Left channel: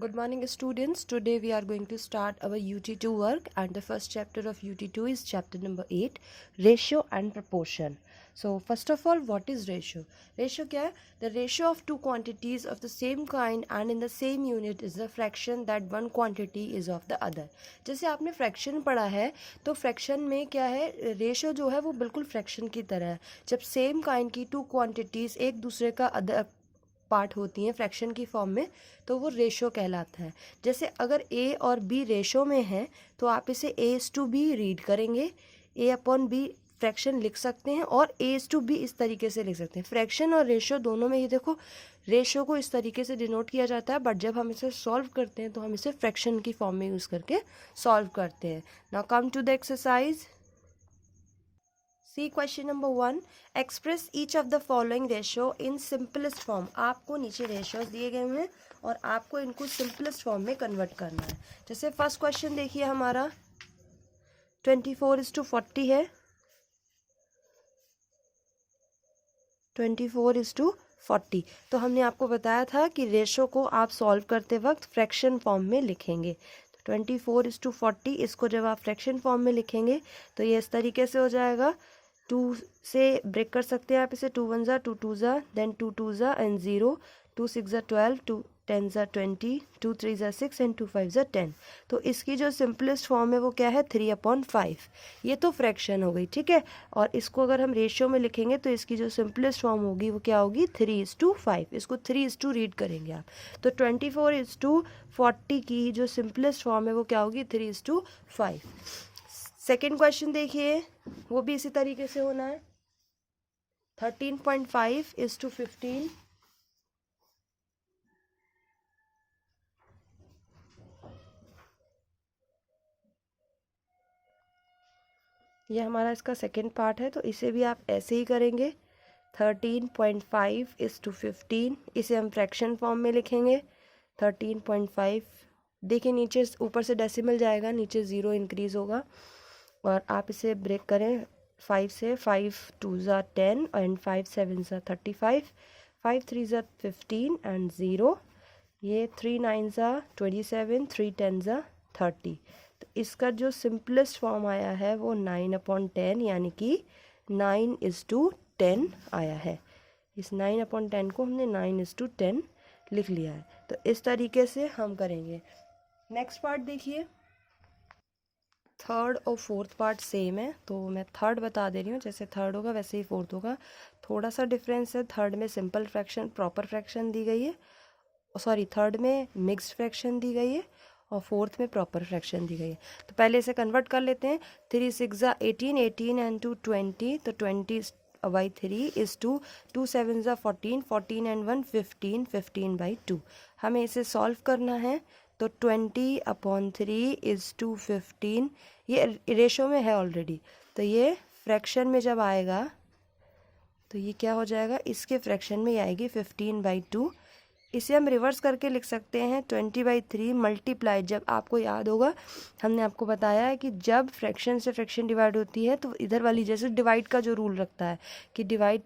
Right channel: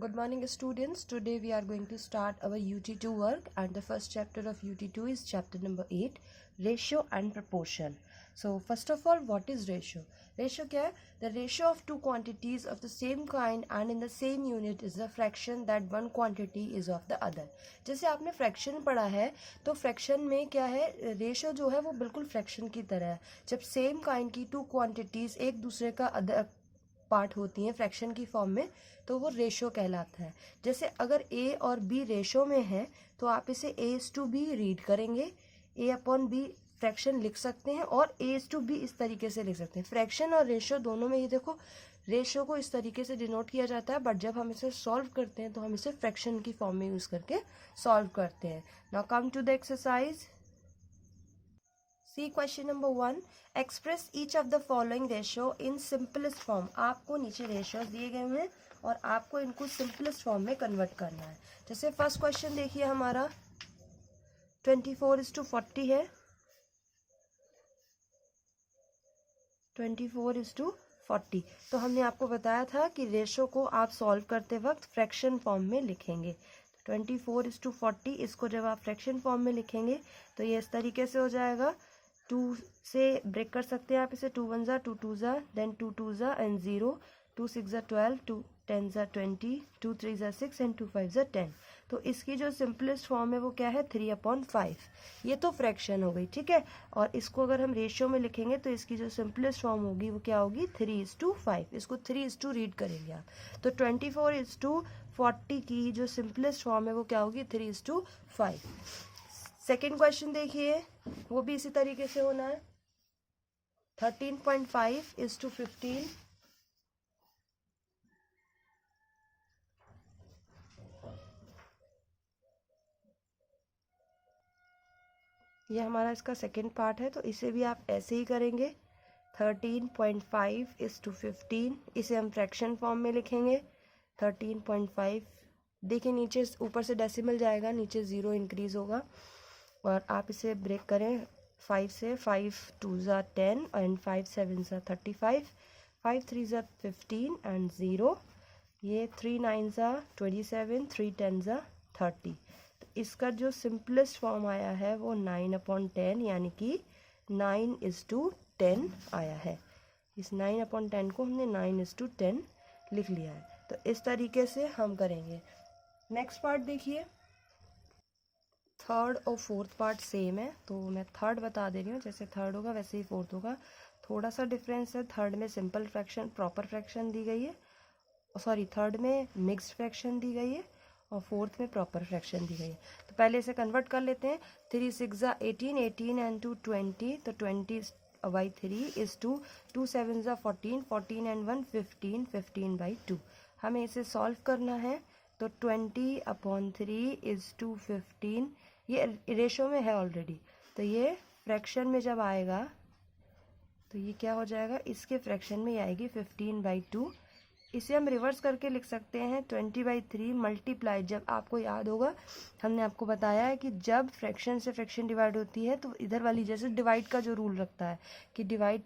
Good morning, students. Today we are going to start our UT2 work, and the first chapter of UT2 is chapter number 8, ratio and proportion. So first of all, what is ratio? Ratio क्या है? The ratio of two quantities of the same kind and in the same unit is the fraction that one quantity is of the other. जैसे आपने fraction पढ़ा है, तो fraction में क्या है, रेशो जो है वो बिल्कुल फ्रैक्शन की तरह है. जब सेम काइंड की टू क्वांटिटीज एक दूसरे का अदर पार्ट होती हैं फ्रैक्शन की फॉर्म में, तो वो रेशो कहलाता है. जैसे अगर ए और बी रेशो में है, तो आप इसे A/B रीड करेंगे, A/B फ्रैक्शन लिख सकते हैं, और A/B इस तरीके से लिख सकते हैं. फ्रैक्शन और रेशो दोनों में ये देखो, रेशो को इस तरीके से डिनोट किया जाता है, बट जब हम इसे सॉल्व करते हैं तो हम इसे फ्रैक्शन की फॉर्म में यूज़ करके सॉल्व करते हैं. Now come to the exercise. C question number 1. Express each of the following ratio in simplest form. आपको नीचे रेशियोज दिए गए हैं और आपको इनको सिंपलेस्ट फॉर्म में कन्वर्ट करना है. जैसे फर्स्ट क्वेश्चन देखिए, हमारा 24:40 है. 24:40. तो हमने आपको बताया था कि रेशो को आप सॉल्व करते वक्त फ्रैक्शन फॉर्म में लिखेंगे. 24:40, इसको जब आप फ्रैक्शन फॉर्म में लिखेंगे तो ये इस तरीके से हो जाएगा. 2 से ब्रेक कर सकते हैं आप इसे. 2 1 2 2 देन 2 2 एंड 0. 2 6 12, 2 10 20, 2 3 6 एंड 2 5 10. तो इसकी जो सिंपलेस्ट फॉर्म है वो क्या है, 3/5. ये तो फ्रैक्शन हो गई, ठीक है. और इसको अगर हम रेशियो में लिखेंगे तो इसकी जो सिंपलेस्ट फॉर्म होगी वो क्या होगी, 3:5. इसको 3:2 रीड करेंगे आप. तो 24:40 की जो सिंपलेस्ट फॉर्म है वो क्या होगी, 3:5. सेकेंड क्वेश्चन देखिए, वो भी इसी तरीके से होना है. 13.5:15. ये हमारा इसका सेकेंड पार्ट है, तो इसे भी आप ऐसे ही करेंगे. 13.5:15. इसे हम फ्रैक्शन फॉर्म में लिखेंगे. 13.5. देखिए नीचे ऊपर से डेसिमल जाएगा, नीचे 0 इंक्रीज होगा, और आप इसे ब्रेक करें 5 से. 5 2 10 एंड 5 7 35. 5 3 15 एंड 0. ये 3 9 27, 3 10 30. तो इसका जो सिंपलेस्ट फॉर्म आया है वो 9/10, यानी कि 9:10 आया है. इस 9/10 को हमने 9:10 लिख लिया है. तो इस तरीके से हम करेंगे. नेक्स्ट पार्ट देखिए, थर्ड और फोर्थ पार्ट सेम है, तो मैं थर्ड बता दे रही हूँ. जैसे थर्ड होगा वैसे ही फोर्थ होगा. थोड़ा सा डिफरेंस है. थर्ड में सिंपल फ्रैक्शन प्रॉपर फ्रैक्शन दी गई है, सॉरी थर्ड में मिक्स्ड फ्रैक्शन दी गई है, और फोर्थ में प्रॉपर फ्रैक्शन दी गई है. तो पहले इसे कन्वर्ट कर लेते हैं. 3 6 18, 18 एंड 2 20. तो 20/3 इज 2. 2 7 14, 14 एंड 1 15, 15/2. हमें इसे सॉल्व करना है. तो 20/3 इज 215. ये रेशो में है ऑलरेडी, तो ये फ्रैक्शन में जब आएगा तो ये क्या हो जाएगा, इसके फ्रैक्शन में आएगी 15/2. इसे हम रिवर्स करके लिख सकते हैं. 20/3 मल्टीप्लाई, जब आपको याद होगा हमने आपको बताया है कि जब फ्रैक्शन से फ्रैक्शन डिवाइड होती है तो इधर वाली, जैसे डिवाइड का जो रूल रखता है कि डिवाइड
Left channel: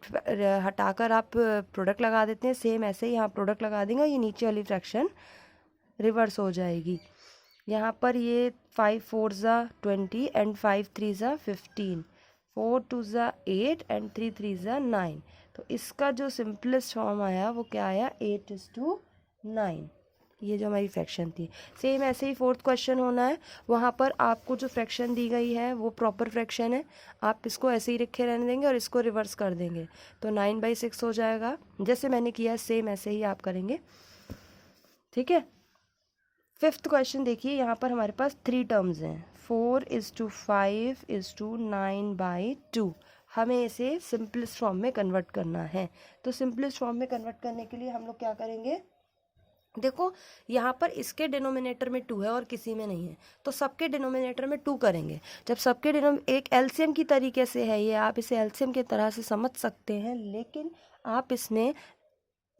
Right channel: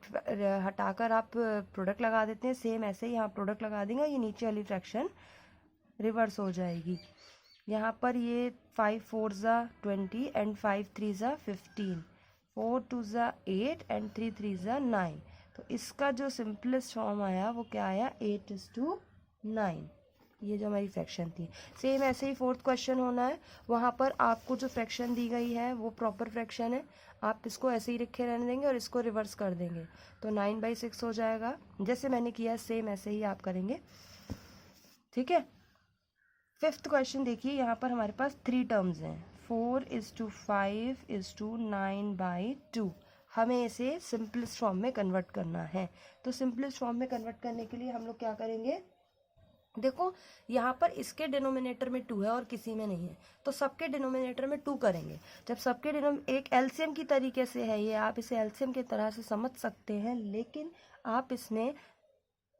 हटाकर आप प्रोडक्ट लगा देते हैं, सेम ऐसे ही यहाँ प्रोडक्ट लगा देंगे, ये नीचे वाली फ्रैक्शन रिवर्स हो जाएगी. यहाँ पर ये 5 4 20 एंड 5 3 15, 4 2 8 एंड 3 3 9. तो इसका जो सिंपलेस्ट फॉर्म आया वो क्या आया, 8:9. ये जो हमारी फ्रैक्शन थी. सेम ऐसे ही फोर्थ क्वेश्चन होना है. वहाँ पर आपको जो फ्रैक्शन दी गई है वो प्रॉपर फ्रैक्शन है. आप इसको ऐसे ही रखे रहने देंगे और इसको रिवर्स कर देंगे, तो 9/6 हो जाएगा. जैसे मैंने किया सेम ऐसे ही आप करेंगे, ठीक है. फिफ्थ क्वेश्चन देखिए, यहाँ पर हमारे पास 3 टर्म्स हैं. 4:5:9/2. हमें इसे सिंपलेस्ट फॉर्म में कन्वर्ट करना है. तो सिंपलेस्ट फॉर्म में कन्वर्ट करने के लिए हम लोग क्या करेंगे, देखो यहाँ पर इसके डिनोमिनेटर में 2 है और किसी में नहीं है, तो सबके डिनोमिनेटर में 2 करेंगे. जब सबके एक एलसीएम की तरीके से है ये, आप इसे एलसीएम की तरह से समझ सकते हैं, लेकिन आप इसमें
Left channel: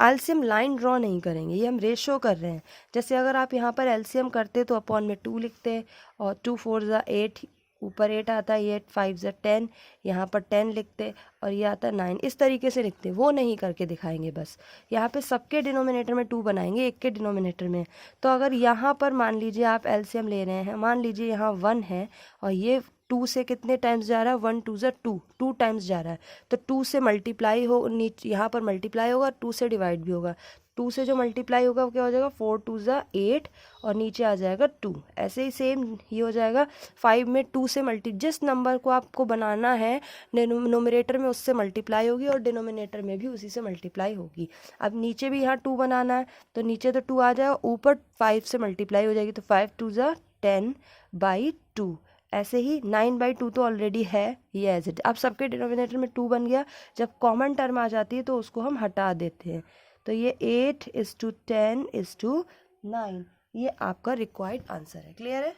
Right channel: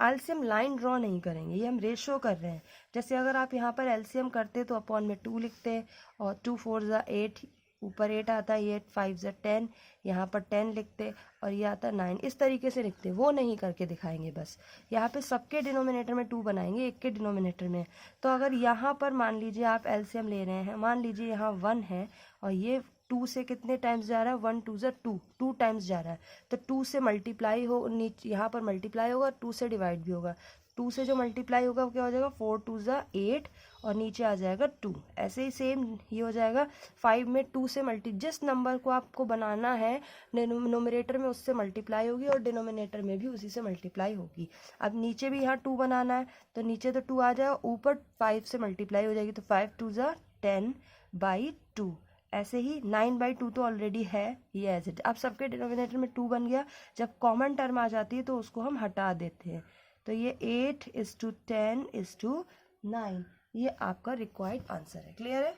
एलसीएम लाइन ड्रॉ नहीं करेंगे, ये हम रेशो कर रहे हैं. जैसे अगर आप यहाँ पर एलसीएम करते तो अपॉन में 2 लिखते, और 2 4 8, ऊपर 8 आता है, ये 5 ज़ा 10, यहाँ पर 10 लिखते और ये आता है 9, इस तरीके से लिखते। वो नहीं करके दिखाएंगे, बस यहाँ पे सबके डिनोमिनेटर में 2 बनाएंगे, एक के डिनोमिनेटर में। तो अगर यहाँ पर मान लीजिए आप एलसीएम ले रहे हैं, मान लीजिए यहाँ 1 है और ये 2 से कितने टाइम्स जा रहा है, 1 2 ज़ा 2, 2 टाइम्स जा रहा है, तो 2 से मल्टीप्लाई हो, नीचे यहाँ पर मल्टीप्लाई होगा, 2 से डिवाइड भी होगा। 2 से जो मल्टीप्लाई होगा वो क्या हो जाएगा, 4 2 ज़ा 8 और नीचे आ जाएगा 2। ऐसे ही सेम ये हो जाएगा 5 में 2 से जिस नंबर को आपको बनाना है नोमिनेटर में उससे मल्टीप्लाई होगी और डिनोमिनेटर में भी उसी से मल्टीप्लाई होगी। अब नीचे भी यहाँ 2 बनाना है, तो नीचे तो 2 आ जाएगा, ऊपर 5 से मल्टीप्लाई हो जाएगी, तो 5 2 ज़ा 10/2। ऐसे ही 9/2 तो ऑलरेडी है, ये एज इट। अब सबके डिनोमिनेटर में 2 बन गया, जब कॉमन टर्म आ जाती है तो उसको हम हटा देते हैं। तो ये 8:10:9, ये आपका रिक्वायर्ड आंसर है। क्लियर है?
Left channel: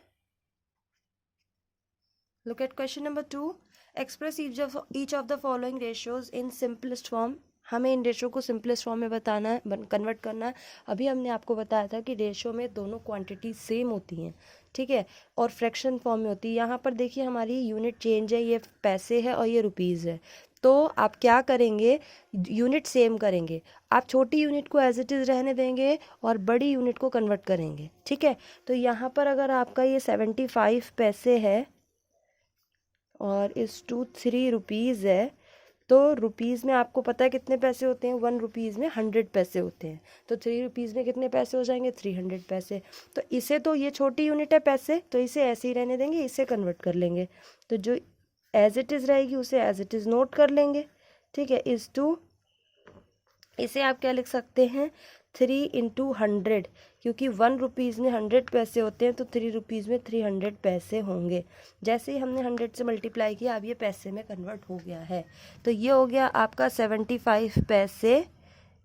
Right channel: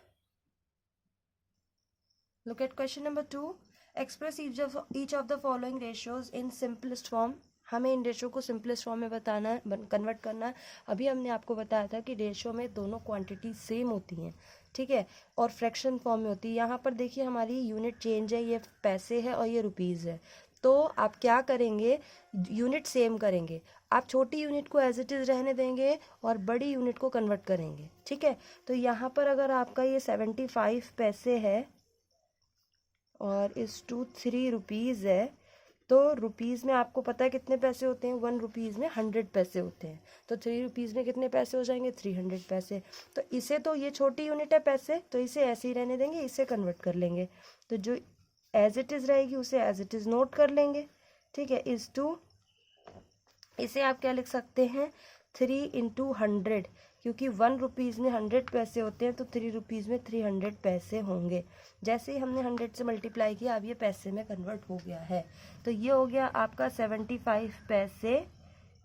Look at question number 2। Express each of the following ratios in simplest form. हमें इन रेशियो को सिंपलेस्ट फॉर्म में बताना है, कन्वर्ट करना है। अभी हमने आपको बताया था कि रेशियो में दोनों क्वांटिटी सेम होती हैं, ठीक है, और फ्रैक्शन फॉर्म में होती है। यहाँ पर देखिए हमारी यूनिट चेंज है, ये पैसे है और ये रुपीज़ है। तो आप क्या करेंगे, यूनिट सेम करेंगे, आप छोटी यूनिट को एज इट इज़ रहने देंगे और बड़ी यूनिट को कन्वर्ट करेंगे, ठीक है। तो यहाँ पर अगर आपका ये 75 पैसे है और इस 3 रुपीज़ है, तो रुपीज़ में आपको पता है कितने पैसे होते हैं, 1 रुपीज़ में 100 पैसे होते हैं। तो 3 रुपीज़ में कितने पैसे हो जाएंगे, 300 पैसे। तो इसे, तो ये छोटी यूनिट है पैसे, तो इसे ऐसे ही रहने देंगे, इसे कन्वर्ट कर लेंगे। तो जो एज इट इज़ रहेगी उसे एज इट इज़ नोट कर लेंगे, ठीक है। इसे आप क्या लिख सकते हैं, 3 × 100, क्योंकि 1 रुपीज़ में 100 पैसे होते हैं, तो 3 रुपीज़ में 300 पैसे होंगे। जैसे ही हमने 100 से मल्टीप्लाई किया, अब ये पैसे में कन्वर्ट हो गया है। तो ये हो गया आपका 75 पैसे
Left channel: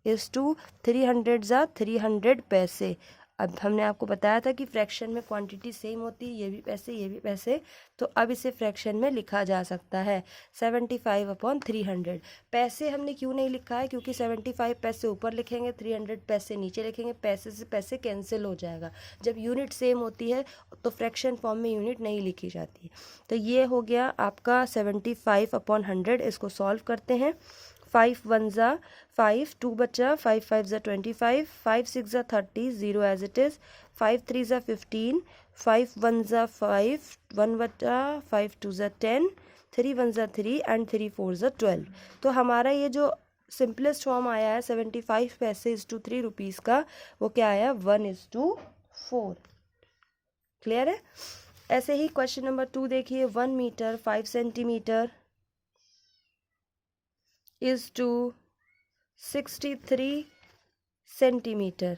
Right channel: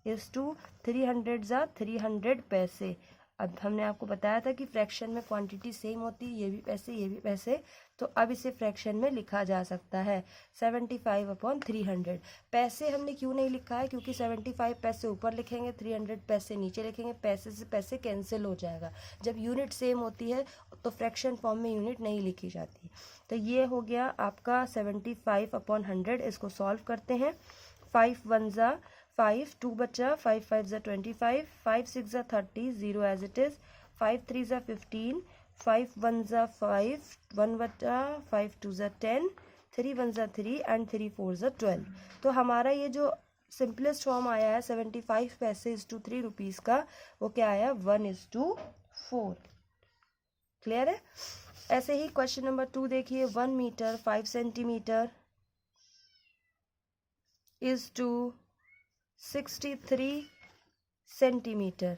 = 300 ज़ा 300 पैसे। अब हमने आपको बताया था कि फ्रैक्शन में क्वांटिटी सेम होती है, ये भी पैसे ये भी पैसे, तो अब इसे फ्रैक्शन में लिखा जा सकता है 75/300। पैसे हमने क्यों नहीं लिखा है, क्योंकि 75 पैसे ऊपर लिखेंगे, 300 पैसे नीचे लिखेंगे, पैसे से पैसे कैंसिल हो जाएगा। जब यूनिट सेम होती है तो फ्रैक्शन फॉर्म में यूनिट नहीं लिखी जाती। तो ये हो गया आपका 75/100। इसको सॉल्व करते हैं। 5 1 ज़ा 5, 2 बचा, 5 5 ज़ा 25, 5 6 ज़ा 30, 0 एज इट इज़, 5 3 ज़ा 15, 5 1 ज़ा 5, 1 बचा, 5 2 ज़ा 10, 3 1 ज़ा 3 एंड 3 4 ज़ा 12। तो हमारा ये जो सिंपलेस्ट फॉर्म आया है 75 पैसे = 3 रुपीज़ का, वो क्या आया, 1:4। क्लियर है? ऐसे ही क्वेश्चन नंबर 2 देखिए, 1 मीटर 5 सेंटीमीटर = 63 सेंटीमीटर,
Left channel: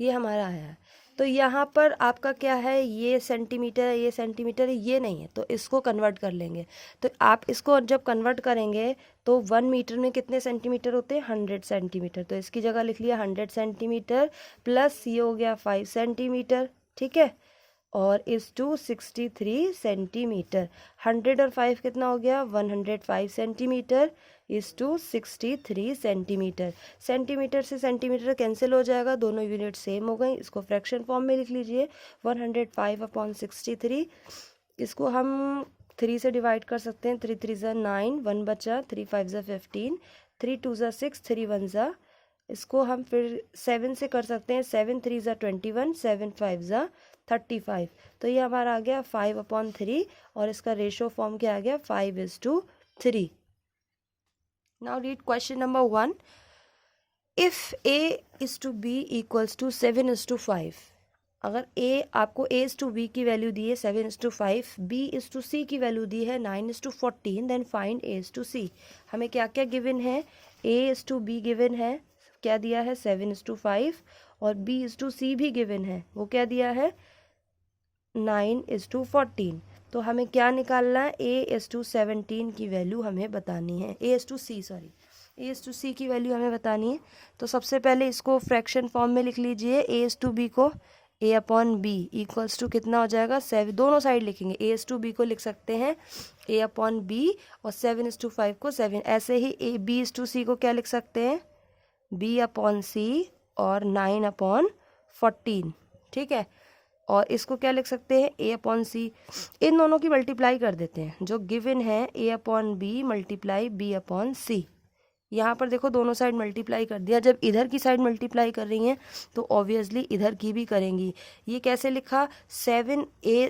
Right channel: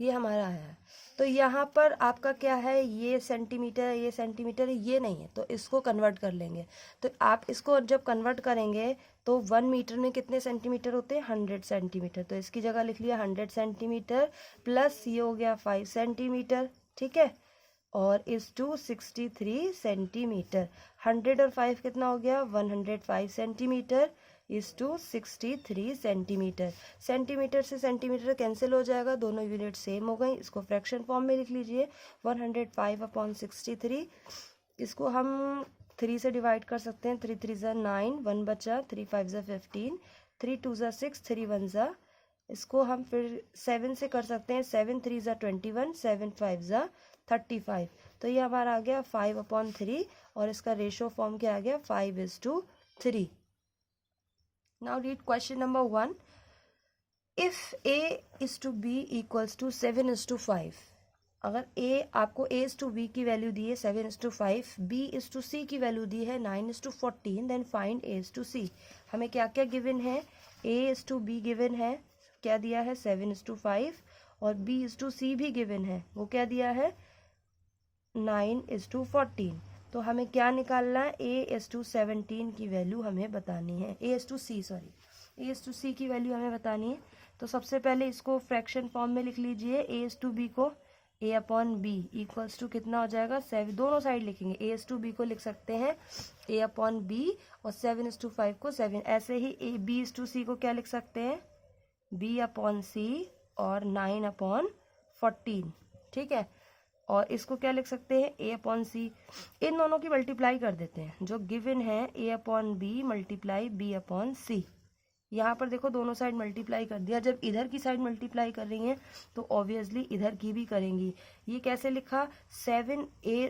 ये हमारा आया है। तो यहाँ पर आपका क्या है, ये सेंटीमीटर है, ये सेंटीमीटर है, ये नहीं है, तो इसको कन्वर्ट कर लेंगे। तो आप इसको जब कन्वर्ट करेंगे तो 1 मीटर में कितने सेंटीमीटर होते हैं, 100 सेंटीमीटर। तो इसकी जगह लिख लिया 100 सेंटीमीटर प्लस ये हो गया 5 सेंटीमीटर, ठीक है, और = 63 सेंटीमीटर। 100 और 5 कितना हो गया, 105 सेंटीमीटर = 63 सेंटीमीटर। सेंटीमीटर से सेंटीमीटर कैंसिल हो जाएगा, दोनों यूनिट सेम हो गई। इसको फ्रैक्शन फॉर्म में लिख लीजिए, 105/63। इसको हम 3 से डिवाइड कर सकते हैं, 3 3 ज़ा 9, 1 बचा, 3 5 ज़ा 15, 3 2 ज़ा 6, 3 1 ज़ा, इसको हम फिर 7 से कर सकते हैं, 7 3 ज़ा 21, 7 5 ज़ा 35। तो ये हमारा आ गया 5/3 और इसका रेशो फॉर्म क्या आ गया, 5:3। Now read question number 1. If A = B = 7:5, अगर A आपको A/B की वैल्यू दी है 7:5, B = C की वैल्यू दी है 9:14, देन फाइंड A/C। हमें क्या क्या गिवन है, A/B गिवन है, क्या दिया है, 7:5, और B/C भी गिवन है, वो क्या दिया है, 9:14। तो हमें क्या निकालना है, A/17 की वैल्यू हमें बतानी है, A/C की वैल्यू हमें बतानी है। तो सबसे पहले इसको फ्रैक्शन फॉर्म में लिख लीजिए, A/B को A/B = कितना हो जाएगा, 7, दोनों साइड लिखेंगे, A/B को लिख सकते हैं A/B और 7:5 को 7, ऐसे ही B/C को क्या लिख सकते हैं, B/C और 9/14, ठीक है। और इसको क्या लिख सकते हैं, a अपॉन सी। इन दोनों की मल्टीप्लाई कर देते हैं, जो गिवन है a upon B multiply b upon C. यहाँ पर देखो दोनों साइड मल्टीप्लाई कर दिया, जब इधर की साइड मल्टीप्लाई कर रही हैं तो ऑब्वियसली इधर की भी करेंगी। ये कैसे लिखा, 7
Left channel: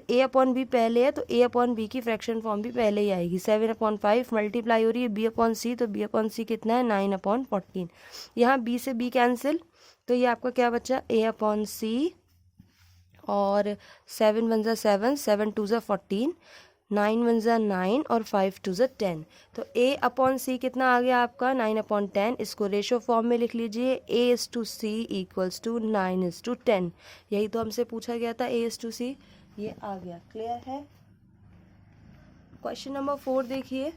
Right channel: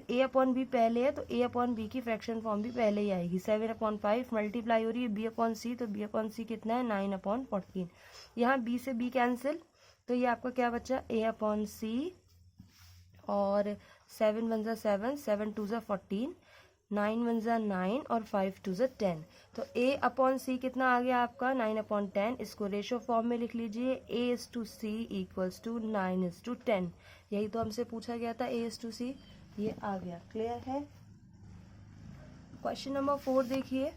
a अपॉन बी पहले है तो a अपॉन बी की फ्रैक्शन फॉर्म भी पहले ही आएगी। 7 अपॉन 5 मल्टीप्लाई हो रही है b अपॉन सी, तो b अपॉन सी कितना है 9 अपॉन 14। यहाँ b से b कैंसिल, तो ये आपका क्या बचा a अपॉन सी, और 7 वन ज़ा 7, 7 टू ज़ा 14, 9 वन ज़ा 9 और 5 टू ज़ा 10। तो a अपॉन सी कितना आ गया आपका 9 अपॉन 10। इसको रेशो फॉर्म में लिख लीजिए, a is to c equals to 9 is to 10। यही तो हमसे पूछा गया था, a इज़ टू सी, ये आ गया। क्लियर है। क्वेश्चन नंबर 4 देखिए,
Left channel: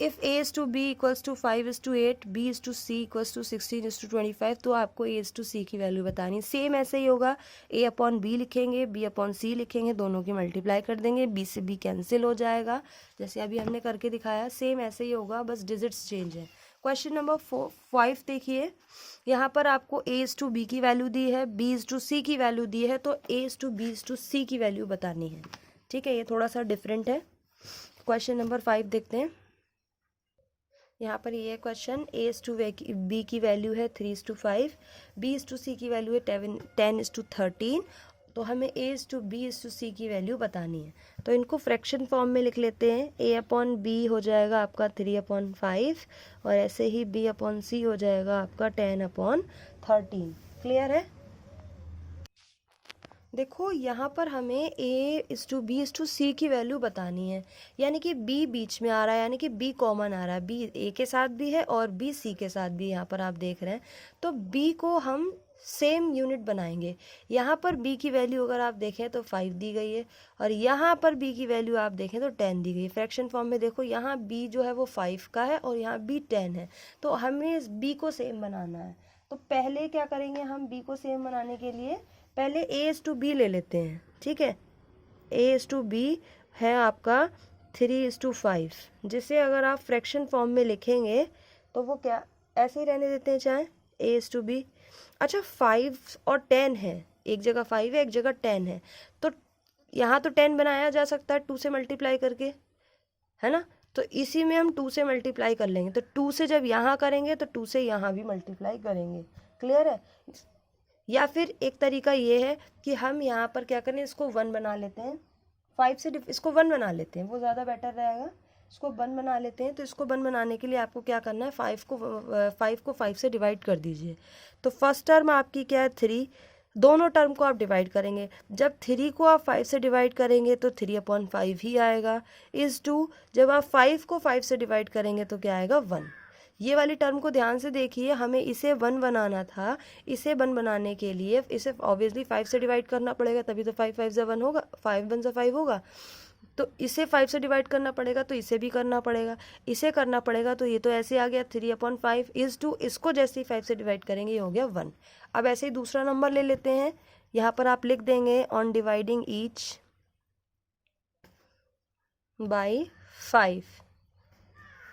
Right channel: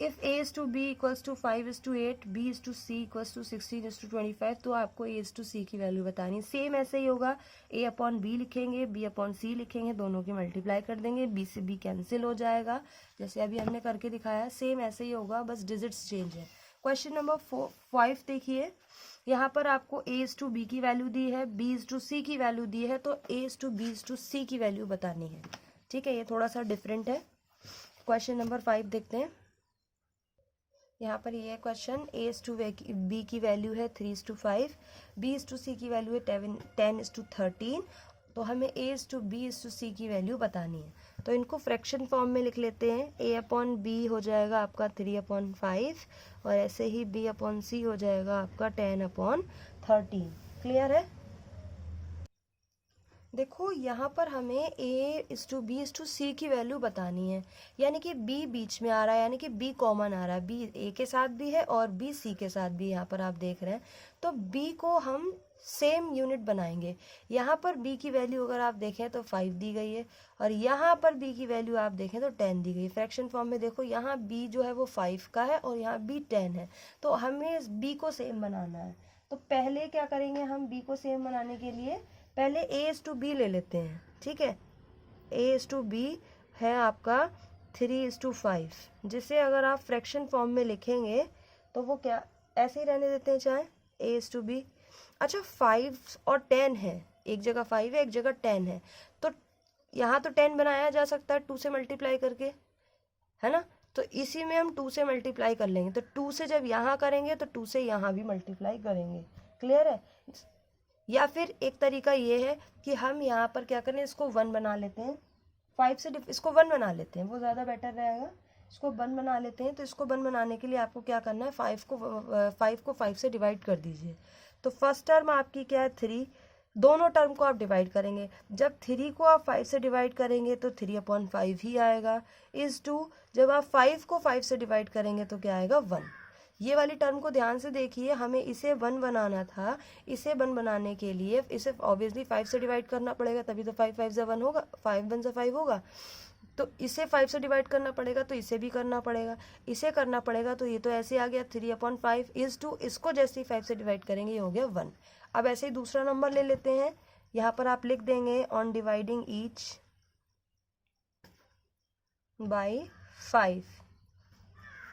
if a is to b equals to 5 is to 8, b is to c equals to 16 is to 25, तो आपको a इज़ टू c की वैल्यू बतानी है। सेम ऐसे ही होगा, a अपॉन b लिखेंगे, b अपॉन c लिखेंगे, दोनों की मल्टीप्लाई कर देंगे, b से b कैंसिल हो जाएगा, जैसे अभी हमने करके दिखाया। सेम ऐसे ही होगा, बस डिजिट्स चेंज है। क्वेश्चन नंबर 5 देखिए, यहाँ पर आपको a इज़ टू b की वैल्यू दी है, b इज़ टू c की वैल्यू दी है, तो a is to b is to c की वैल्यू बतानी है। ठीक है, ये थोड़ा सा डिफरेंट है। क्वेश्चन नंबर 5 देखते हैं। यहाँ पर ये question, a is to b की वैल्यू है 3 is to 5, b is to c की वैल्यू है 10 इज़ टू 13, तो हमें a is to b is to c की वैल्यू बतानी है। तो इनको फ्रैक्शन फॉर्म में लिख लेते हैं, a अपॉन b हो जाएगा आपका 3 अपॉन 5, और ऐसे ही b अपॉन c हो जाएगा आपका 10 अपॉन 13। क्लियर है। देखो यहाँ पर हमें a is to b is to c की वैल्यू बतानी है, यानी कि b बीच में आ रहा है, यानी कि b कॉमन आ रहा है। b a के साथ भी है और b c के साथ भी, यहाँ पर आप देख रहे हैं। तो b को हम सेम यूनिट बनाएंगे। यहाँ पर b की वैल्यू अगर आप देखें तो 5 दी गई है, और यहाँ पर b की वैल्यू आप देखें तो 10 दी गई है। फ्रैक्शन फॉर्म में देखो, यहाँ b जो है वो 5 का है और यहाँ b 10 है, तो हमें इस b को सेम बनाना है। तो पहले क्या करेंगे, हम b को सेम बनाने के लिए पहले a इज़ टू b ले लेते हैं। ठीक है, a इज़ टू b है आपका 3 इज़ टू 5, जिसे अगर आप फ्रैक्शन फॉर्म में लिखेंगे तो वो क्या ऐसे ही रहने देते हैं, चाहे a इज़ टू b। अच्छा, 5 और 10 है, एक जगह 5 है एक जगह 10 है, तो यहाँ तो 10 बनाया जा सकता है 2 से मल्टीप्लाई करके, है ना। तो इसी में हम 2 से मल्टीप्लाई कर लेंगे, तो 2 से जब यहाँ करेंगे तो 2 से यहाँ भी मल्टीप्लाई करेंगे। क्लियर है। या फिर एक तरीका ये है कि हम यहाँ पर क्या करें, इसको 1 बना लेते हैं, 5 से इसको 1 बना लेते हैं, वो ज़्यादा बेटर रहेगा। इसको 1 बना लेते हैं, तो इसको 1 बनाने के लिए आपको क्या करना है, 5 को 5 से डिवाइड कर दीजिए। तो फर्स्ट टर्म आपकी क्या है 3, दोनों टर्म को आप डिवाइड करेंगे। जब 3 को आप 5 से डिवाइड करेंगे तो 3 अपॉन 5 ही आएगा, इज़ टू जब आप 5 को 5 से डिवाइड करेंगे तो क्या आएगा 1। ये वाली टर्म को ध्यान से देखिए, हमें इसे 1 बनाना था। इसे 1 बनाने के लिए इसे ऑब्वियसली 5 से डिवाइड करना पड़ेगा, तभी तो 5 5 ज़ा 1 होगा, 5 1 ज़ा 5 होगा। तो इसे 5 से डिवाइड करना पड़ेगा, तो इसे भी करना पड़ेगा, इसे करना पड़ेगा, तो ये तो ऐसे आ गया 3 अपॉन 5 इज़ टू, इसको जैसे ही 5 से डिवाइड करेंगे ये हो गया 1। अब ऐसे ही दूसरा नंबर ले लेते हैं, यहाँ पर आप लिख देंगे ऑन डिवाइडिंग ईच बाई 5।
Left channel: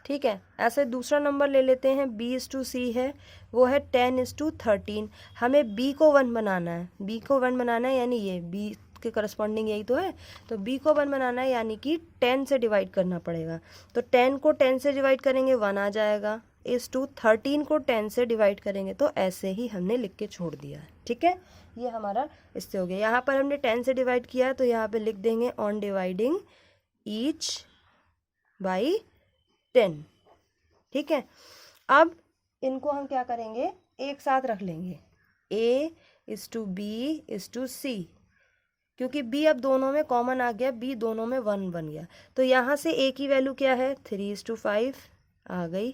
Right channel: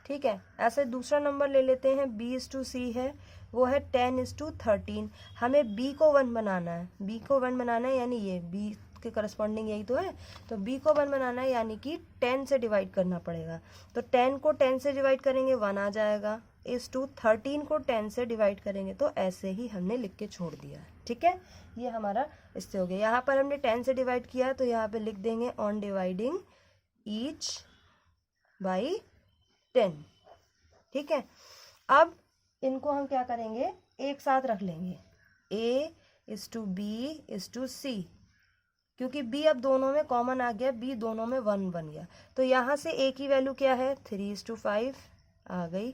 ठीक है, ऐसे दूसरा नंबर ले लेते हैं, b इज़ टू c है, वो है 10 इज़ टू 13। हमें b को 1 बनाना है, b को 1 बनाना है, यानी ये b के करस्पॉन्डिंग यही तो है। तो b को 1 बनाना है, यानी कि 10 से डिवाइड करना पड़ेगा। तो 10 को 10 से डिवाइड करेंगे 1 आ जाएगा, इज़ टू 13 को 10 से डिवाइड करेंगे, तो ऐसे ही हमने लिख के छोड़ दिया। ठीक है, ये हमारा इससे हो गया। यहाँ पर हमने 10 से डिवाइड किया, तो यहाँ पे लिख देंगे ऑन डिवाइडिंग ईच बाई 10। ठीक है, अब इनको हम क्या करेंगे, एक साथ रख लेंगे, a is to b is to c, क्योंकि b अब दोनों में कॉमन आ गया, b दोनों में 1 बन गया। तो यहाँ से a की वैल्यू क्या है 3 इज़ टू 5 आ गई।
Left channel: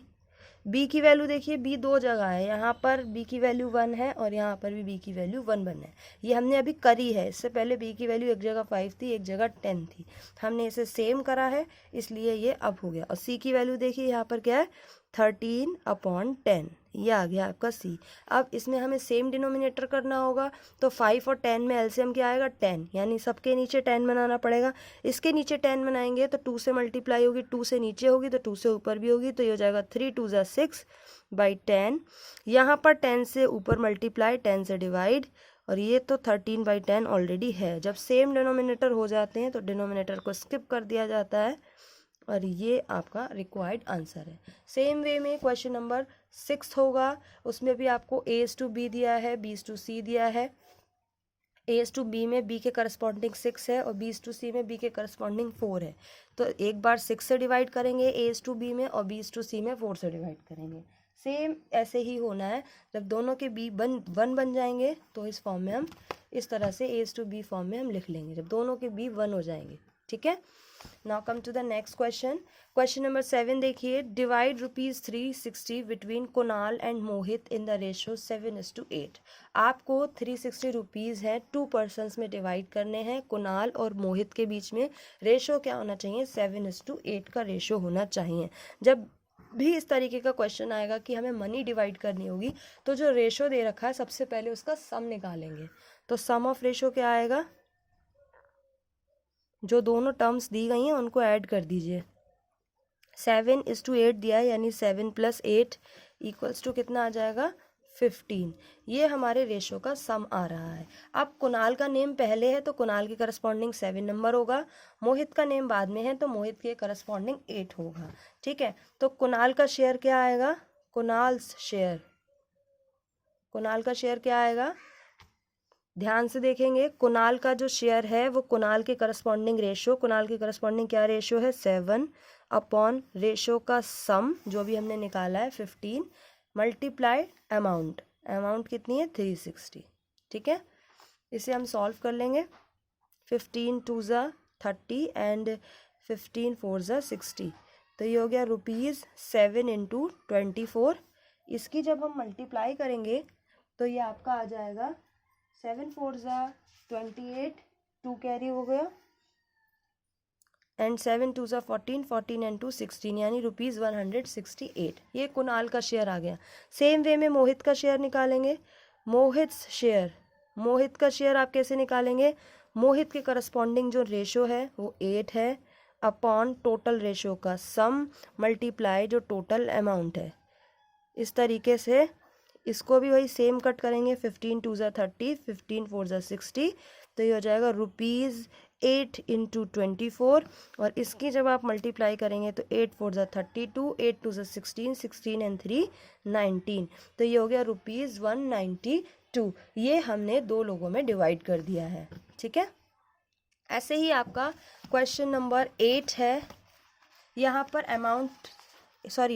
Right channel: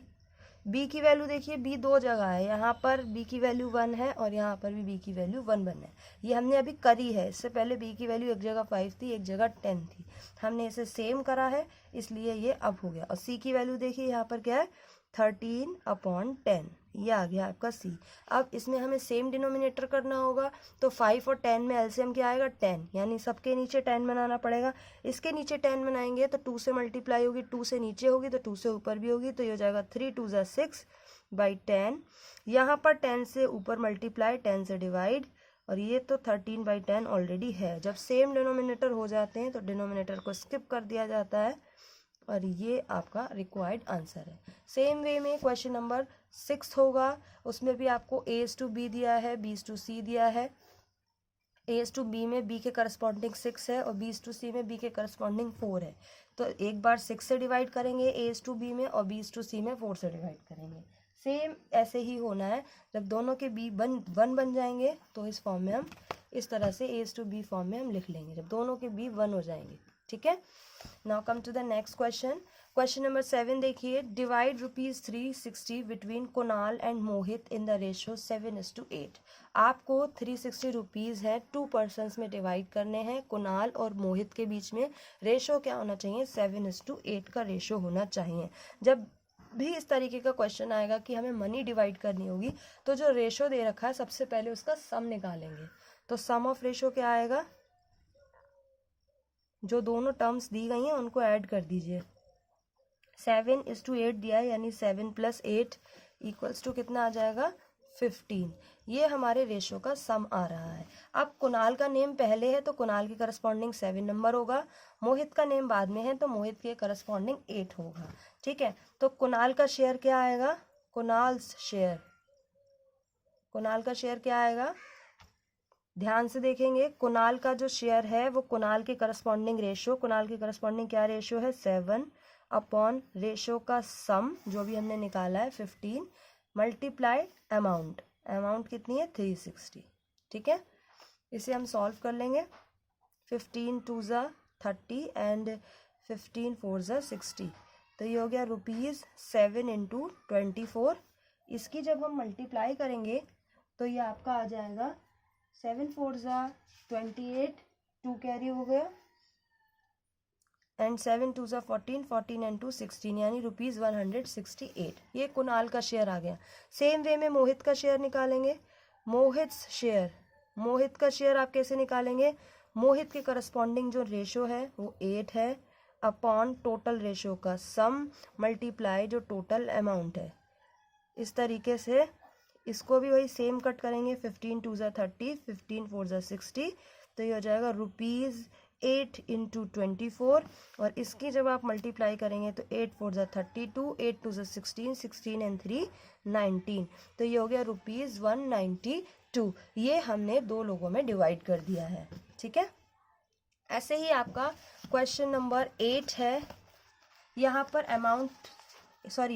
b की वैल्यू देखिए, b दो जगह है, यहाँ पर b की वैल्यू 1 है और यहाँ पर भी b की वैल्यू 1 है। ये हमने अभी करी है, इससे पहले b की वैल्यू एक जगह 5 थी एक जगह 10 थी, हमने इसे सेम करा है, इसलिए ये अब हो गया। और c की वैल्यू देखिए, यहाँ पर क्या है 13 अपॉन 10, ये आ गया आपका c। अब इसमें हमें सेम डिनोमिनेटर करना होगा, तो 5 और 10 में एलसीएम क्या आएगा 10, यानी सबके नीचे 10 बनाना पड़ेगा। इसके नीचे 10 बनाएंगे तो 2 से मल्टीप्लाई होगी, 2 से नीचे होगी तो 2 से ऊपर भी होगी, तो ये हो जाएगा 3 2 6 बाई 10। यहाँ पर 10 से ऊपर मल्टीप्लाई, 10 से डिवाइड, और ये तो 13/10 ऑलरेडी है। जब सेम डिनोमिनेटर हो जाते हैं तो डिनोमिनेटर को स्किप कर दिया जाता है और ये आपका रिक्वायर्ड आंसर है। सेम वे में क्वेश्चन नंबर 6 होगा, उसमें भी आपको A/B दिया है, B/C दिया है। A/B में B के करस्पॉन्डिंग 6 है और B/C में B के करस्पॉन्डिंग 4 है। तो एक बार 6 से डिवाइड करेंगे A/B में और B/C में 4 से डिवाइड करेंगे। सेम ऐसे ही होना है। जब दोनों के B 1 बन जाएंगे तो इस फॉर्म में हम इस तरह से A/B फॉर्म में हम लिख लेंगे जब दोनों के B 1 हो जाएंगे। ठीक है, now come to the next question. Question number 7 देखिए, divide ₹360 between Kunal and Mohit in the ratio 7:8। आपको 360 रुपीज़ है 2 पर्सनस में डिवाइड करने हैं। कुणाल और मोहित के बीच में रेशो क्या होना चाहिए? 7:8 का रेशो होना चाहिए। जब भी इस तरीके का क्वेश्चन आएगा कि हमें मनी डिवाइड करनी होगी तो जो रेशो दे रखा है सबसे पहले उसका सम निकालेंगे। तो सम ऑफ रेशो क्या आएगा? जो दोनों टर्म्स दी गई हैं उनको ऐड कर दीजिए। 7:8 दिया है यानी 7 + 8 इक्वल्स टू कितना आ जाएगा? 15। ये हमारे रेशो का सम आ रहा है। अब कुणाल का नेम पहले है तो कुणाल के करस्पॉन्डिंग 7 नंबर होगा, मोहित का नेम बाद में है तो मोहित के करस्पॉन्डिंग 8 होगा। ठीक है, तो कुणाल का शेयर क्या आएगा? कुणाल का शेयर क्या आएगा? ध्यान से देखेंगे, कुणाल का जो शेयर है वो कुणाल के करस्पॉन्डिंग रेशो, कुणाल के करस्पॉन्डिंग क्या रेशो है? 7 अपॉन रेशो का सम जो भी हमने निकाला है 15 मल्टीप्लाई अमाउंट। अमाउंट कितनी है? 360। ठीक है, इसे हम सॉल्व कर लेंगे। 15 2 ज़ा 30 एंड 15 4 ज़ा 60। तो ये हो गया ₹7 × 24। इसकी जब हम मल्टीप्लाई करेंगे तो ये आपका आ जाएगा 7 4 ज़ा 28, 2 कैरी हो गया एंड 7 2 ज़ा 14, 14 एंड 2 16 यानी ₹168। ये कुणाल का शेयर आ गया। सेम वे में मोहित का शेयर निकालेंगे। मोहित का शेयर आप कैसे निकालेंगे? मोहित के करस्पॉन्डिंग जो रेशो है वो 8 है अपॉन टोटल रेशो का सम मल्टीप्लाई जो टोटल अमाउंट है। इस तरीके से इसको भी वही सेम कट करेंगे। 15 2 ज़ा 30, 15 4 ज़ा 60। तो ये हो जाएगा ₹8 × 24 और इसकी जब आप मल्टीप्लाई करेंगे तो 8 4 ज़ा 32, 8 2 ज़ा 16, 16 एंड 3 19। तो ये हो गया ₹192। ये हमने दो लोगों में डिवाइड कर दिया है। ठीक है, ऐसे ही आपका क्वेश्चन नंबर 8 है। यहाँ पर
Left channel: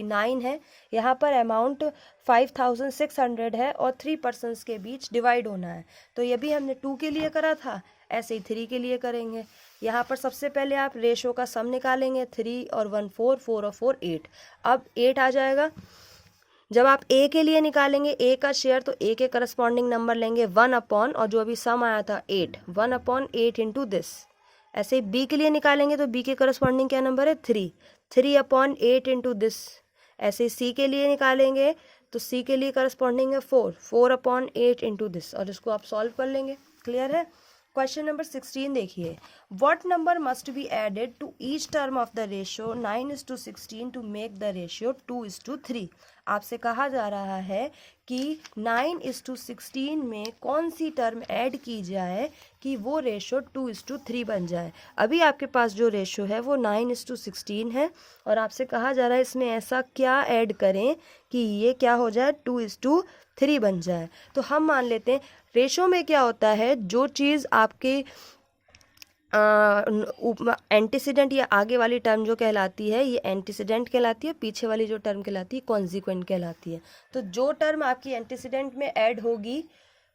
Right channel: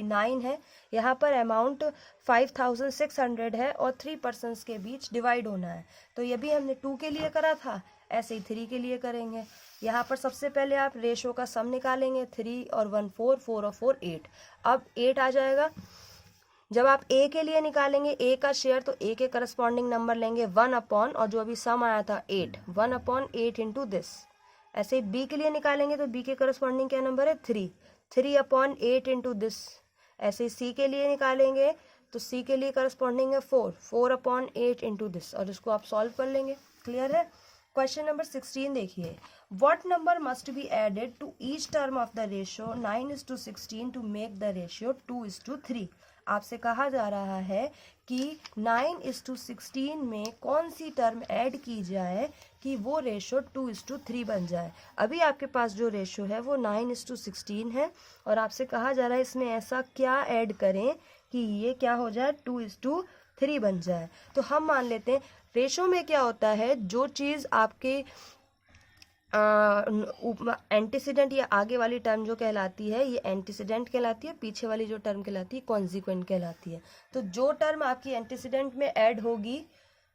9 है। यहाँ पर अमाउंट 5600 है और 3 पर्सनस के बीच डिवाइड होना है। तो ये भी हमने 2 के लिए करा था, ऐसे ही 3 के लिए करेंगे। यहाँ पर सबसे पहले आप रेशो का सम निकालेंगे। 3 और 1 4, 4 और 4 8। अब 8 आ जाएगा। जब आप ए के लिए निकालेंगे ए का शेयर तो ए के करस्पॉन्डिंग नंबर लेंगे 1 अपॉन, और जो अभी सम आया था 8, 1 अपॉन 8 इंटू दिस। ऐसे ही बी के लिए निकालेंगे तो बी के करस्पॉन्डिंग क्या नंबर है? 3, 3 अपॉन 8 इंटू दिस। ऐसे ही सी के लिए निकालेंगे तो सी के लिए करस्पॉन्डिंग है 4, 4 अपॉन 8 इंटू दिस, और इसको आप सॉल्व कर लेंगे। क्लियर है? क्वेश्चन नंबर 16 देखिए, what number must be added to each term of the ratio 9:16 to make the ratio 2:3। आपसे कहा जा रहा है कि 9:16 में कौन सी टर्म ऐड की जाए कि वो रेशो 2:3 बन जाए। अभी आपके पास जो रेशो है वो 9:16 है और आपसे कहा जा रहा है इसमें ऐसा क्या ऐड करें कि ये क्या हो जाए? 2:3 बन जाए। तो हम मान लेते हैं रेशो में क्या होता है, जो चीज़ आपके एंटीसीडेंट या आगे वाली टर्म जो कहलाती है ये एंटीसीडेंट कहलाती है, पीछे वाली जो टर्म कहलाती है कॉन्जिक्वेंट कहलाती है। तो जो टर्म आपकी एंटीसीडेंट में ऐड होगी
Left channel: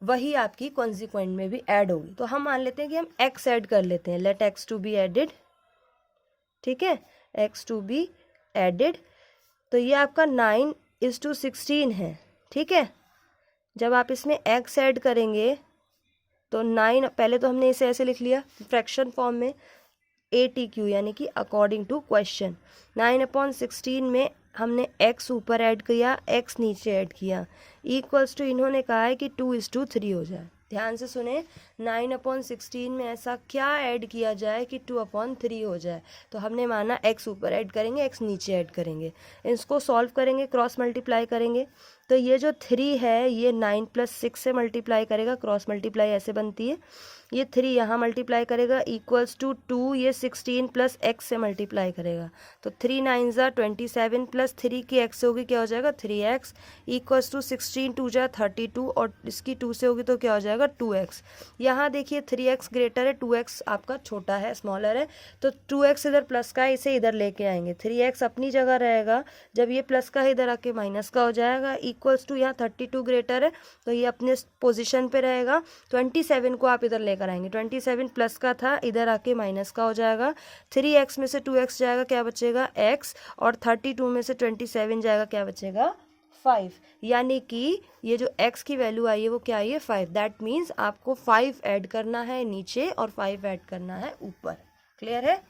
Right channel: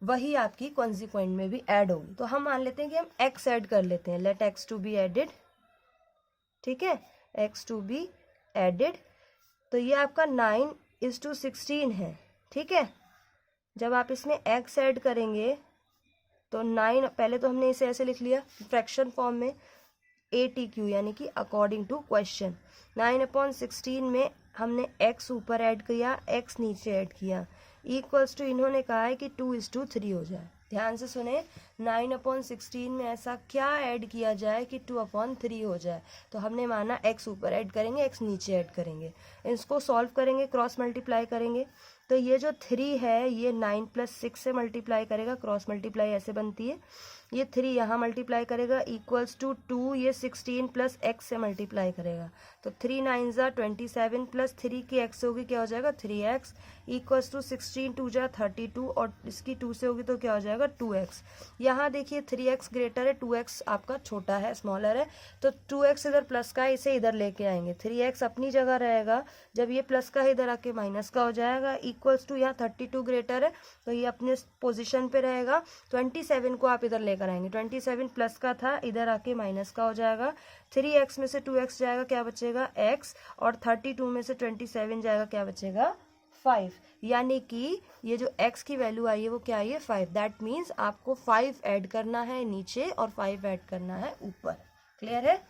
वही आपकी कॉन्जिक्वेंट में भी ऐड होगी। तो हम मान लेते हैं कि हम x ऐड कर लेते हैं। Let x to be added. ठीक है, x टू बी एडेड। तो ये आपका 9:16 है। ठीक है, जब आप इसमें x ऐड करेंगे तो 9, पहले तो हमने इसे ऐसे लिख लिया फ्रैक्शन फॉर्म में ATQ यानी कि अकॉर्डिंग टू क्वेश्चन। 9/16 में हमने x ऊपर ऐड किया, x नीचे ऐड किया, इक्वल्स टू इन्होंने कहा है कि 2:3 हो जाए। ध्यान से सुने, 9/16 में ऐसा क्या ऐड किया जाए कि 2/3 हो जाए। तो हमने माना x ऊपर ऐड करेंगे, x नीचे ऐड करेंगे। इसको सॉल्व करेंगे, क्रॉस मल्टीप्लाई करेंगे तो ये जो 3 है ये 9 + 6 से मल्टीप्लाई करेगा, क्रॉस मल्टीप्लाई ऐसे बनती है, ये 3 यहाँ मल्टीप्लाई करेगा इक्वल्स टू 2, ये 16 + x से मल्टीप्लाई करेगा, तो 3 9 ज़ा 27 + 3 की x से होगी क्या हो जाएगा 3x इक्वल्स टू 16 2 जा 32 और इसकी 2 से होगी तो क्या हो जाएगा 2x। यहाँ देखिए 3x ग्रेटर है, 2x आपका छोटा है, स्मॉलर है, तो 2x इधर प्लस का है, इसे इधर लेके आएंगे, 3x अपनी जगह रहेगा, जब ये प्लस का है इधर आके माइनस का हो जाएगा इक्वल्स टू, यहाँ 32 ग्रेटर है तो ये अपने पोजिशन पे रहेगा, 27 को आप इधर लेकर आएंगे, 27 प्लस का था इधर आके माइनस का हो जाएगा, 3x में से 2x जाएगा क्या बचेगा x, और 32 में से 27 जाएगा क्या बचेगा 5, यानी कि ये जो x की वैल्यू आई है वो क्या आई है 5। दैट मीन्स आपको 5 ऐड करना है नीचे और 5 ऐड करना है ऊपर। क्लियर है?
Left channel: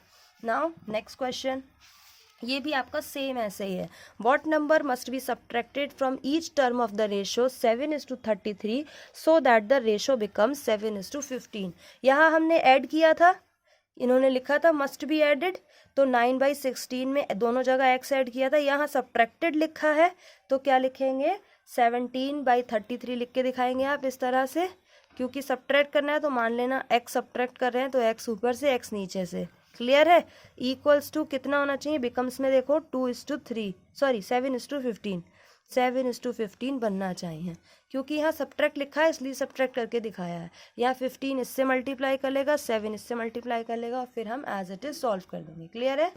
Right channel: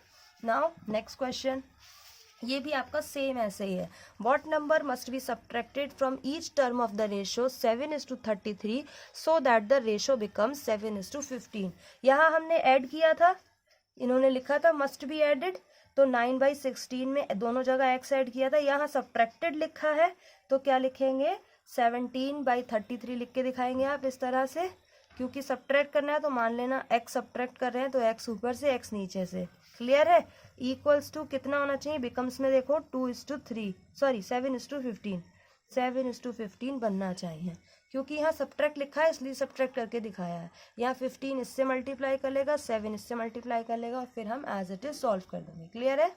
नाउ नेक्स्ट क्वेश्चन, ये भी आपका सेम ऐसे ही है। What number must be subtracted from each term of the ratio 7:33 so that the ratio becomes 7:15। यहाँ हमने ऐड किया था, इन्होंने लिखा था मस्ट बी एडेड, तो 9/16 में दोनों जगह x ऐड किया था, यहाँ सब्ट्रैक्टेड लिखा है तो क्या लिखेंगे 17/33 लिख के दिखाएंगे आप इस तरह से, क्योंकि सब्ट्रैक्ट करना है तो मान लेना x सब्ट्रैक्ट कर रहे हैं तो x ऊपर से x नीचे से। क्लियर है? इक्वल्स टू कितना होना चाहिए, बिकम्स में देखो 2:3 सॉरी 7:15, 7:15 बनना चाहिए, क्योंकि यहाँ सब्ट्रैक्ट लिखा है इसलिए सब्ट्रैक्ट करके दिखाया है। यहाँ 15 इससे मल्टीप्लाई कर लेगा, 7 इससे मल्टीप्लाई कर लेगा और फिर हम एज इट इज सॉल्व कर देंगे। क्लियर है?